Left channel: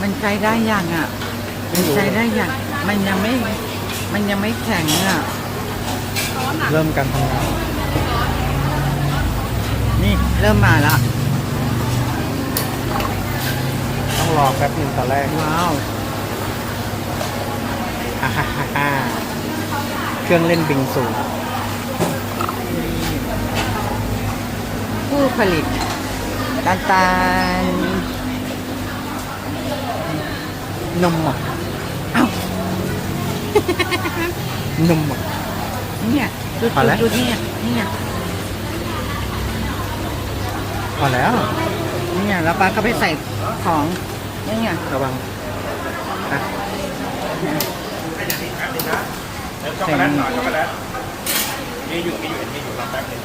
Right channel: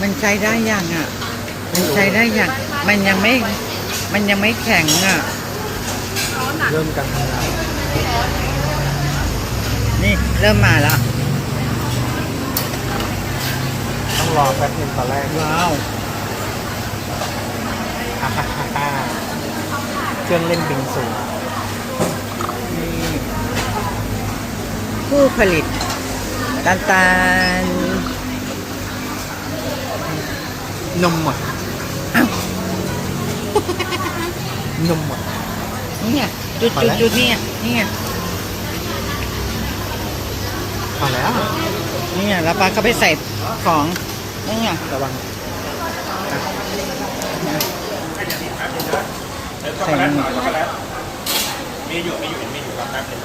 มันใช้ได้ยังอะ มันใช้ได้ยังมันยังไม่ มันยังไม่แข็งอะ เริ่มกันทำงานนี่เริ่มมาแล้วต้องรอแป๊บหนึงตอนแรกว้าวอ่าฮ่าฮ่าฮ่าเครื่องเล่นบิงซูผู้ผลิตตาลตาล นมหมดอ้าวนมหมดเนี่ยจุดมาจุดแล้วจุดนี่นี่พอแล้วนี่แล้วป้าก็ไปใส่ของนี่ไงระวังใส่นี่มีอยู่มีอยู่เห็นมีอยู่รอแป๊บนึง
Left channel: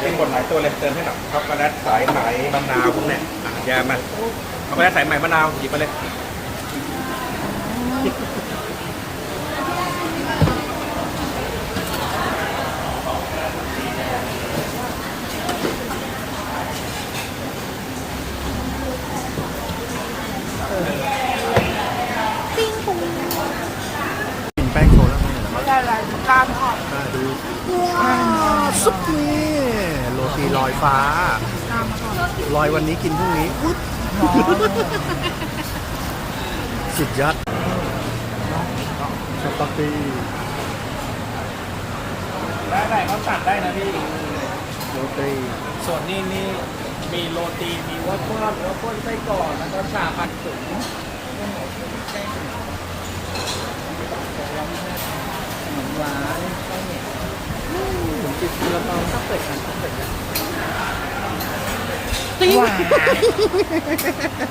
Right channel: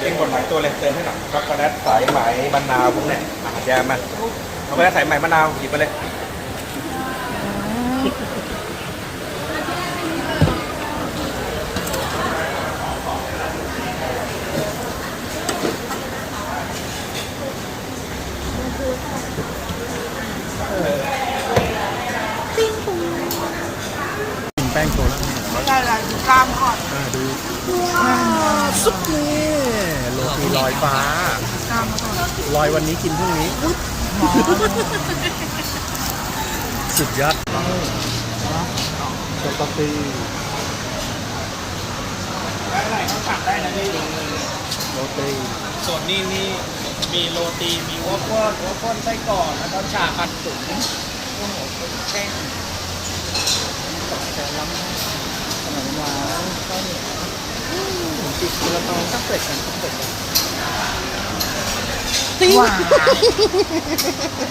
เป็นกดหลายตัวเลยเติมให้หน่อยช็อกโกแลตสายไหมมะนาวพวกเนี้ยอะแยามา ช็อกโกแลตสายไหมมะนาวหยิบไปเลยกินแป้งโชว์แล้วเนี่ยได้เลยตามก่อนอ่าดูว้าวซุปนี่โรตีลอยฟ้าลอยวันนี้กินพรุ่งนี้ อุ๊ย สุดยอดช็อกโกแลตได้ได้ครับตัดได้นะพี่โรตีส่วนนี้นี่มีโรตีมีวัฟเฟิลวัฟเฟิลไส้กรอกแล้วก็ชาคันตุ๋นขนมหวานข้าวเหนียวผมกินซาลาเปาสักเป็ดกันสักเป็ดกัน หวาน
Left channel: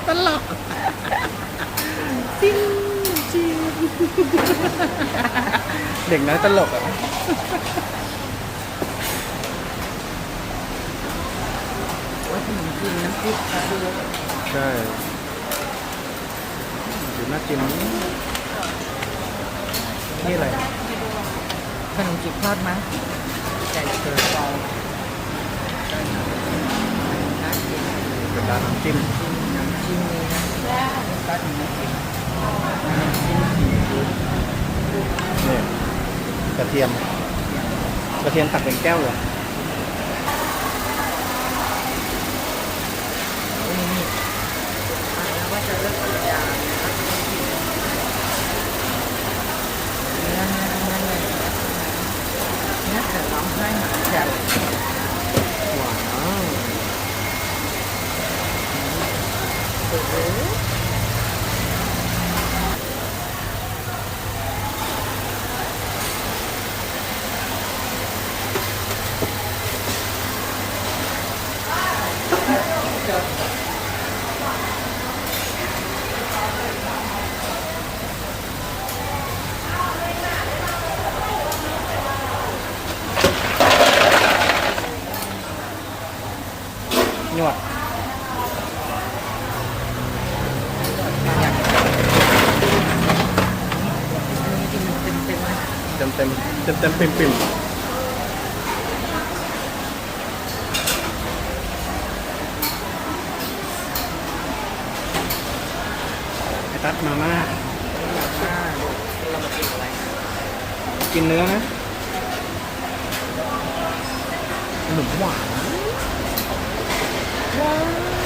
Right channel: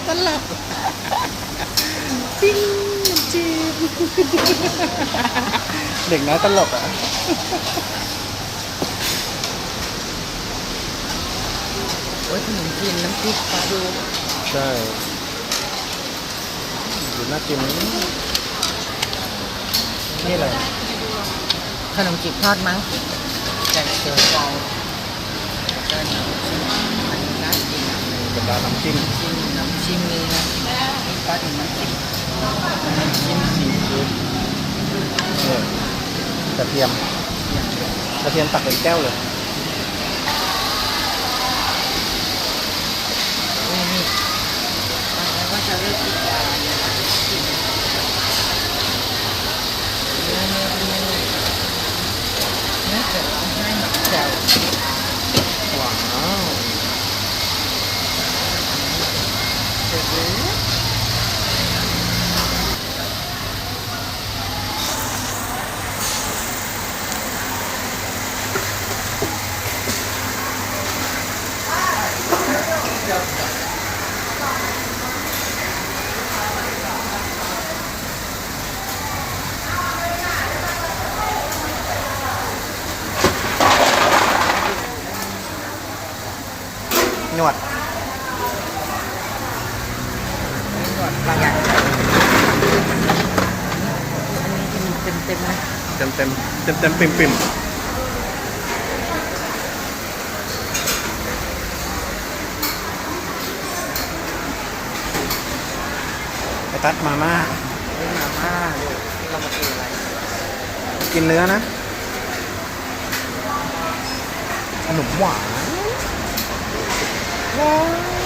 ตลกจิ้งจีนเด็กน้อยตลกอะเออขนมจีนน้ำพริกปลาดูใช่ดูน่ากินนี่อะไรขนมจีบทอดมั้งไก่เสือเกาเป็น การน้ำจิ้มจิ้มน้ำจิ้มเลยนะนี่ก็ถึงน้ำจิ้มน้ำจิ้มซีฟู้ดนี่กระเทียมกระเทียมตักเป็นแก้วเลยโอ้ยนี่ตายแล้วว่าจะเลิกกินยาเนี่ยก็จะกินเนื้อเนื้อเนื้อเนื้อเนื้อเสือร้องไห้หมักแจ่วว้าว เสือหรือ นวด อยากอันนี้ที่มันเป็น เต็มเต็มเต็มเต็มปิ่มปิ่มไอตัดมาม่ามาม่าเรามากินอะไร กินเนื้อนะ ขนมหวานว้า